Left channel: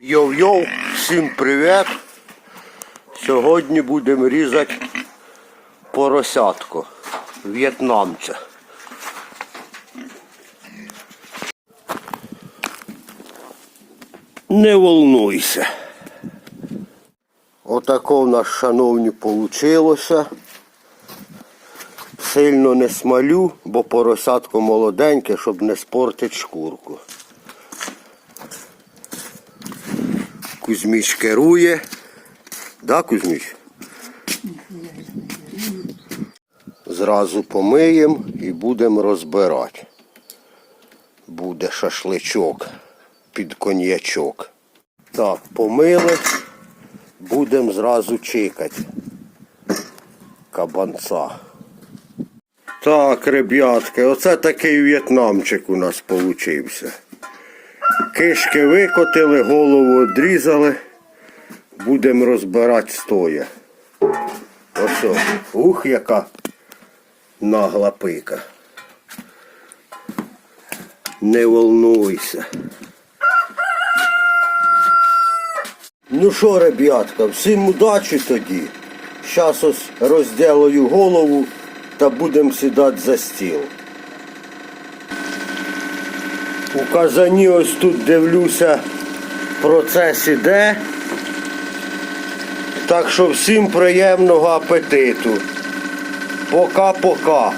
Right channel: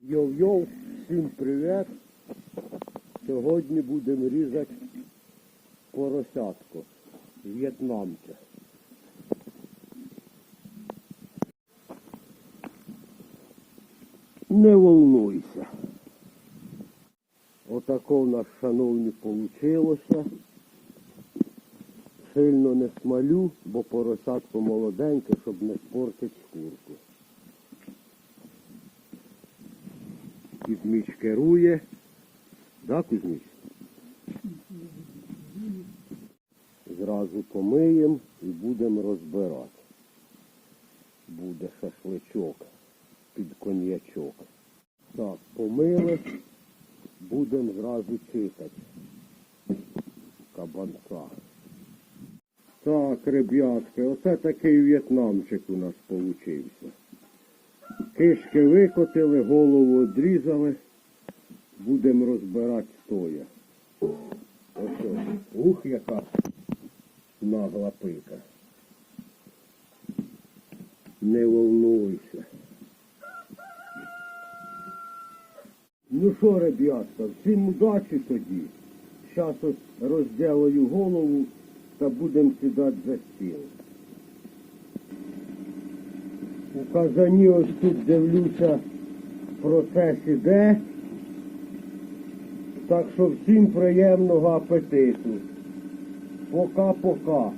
Йоу-йоу, всім привіт! Сьогодні будемо різати поросятку в'єтнамця. Не волнуйся. Отако в нас, шановні, получилося. Сильно не смалю, бо поросятко молоденьке, щоб не спортити шкурку. Кузьміч керує. Да, Кузьміч? Зразу помиємо і будемо розбирати. Буде шашличок під коньячок. Так, помили, будемо зразу чекати. Кабанця. Так, ребятки, оце такий в'єтнамчик у нас получився. Кишки викотили, голову відрізали. Будемо розбирати стоя. Ось. Ух, яка нагла пика. Не волнуйся. Ну що, ребятка, всім удачі тоді. Щас ось розділаю голову та будемо сідати за стіл. У казані ось тут дивлюся, процес іде. Так що всім приємного апетиту. Пока-пока.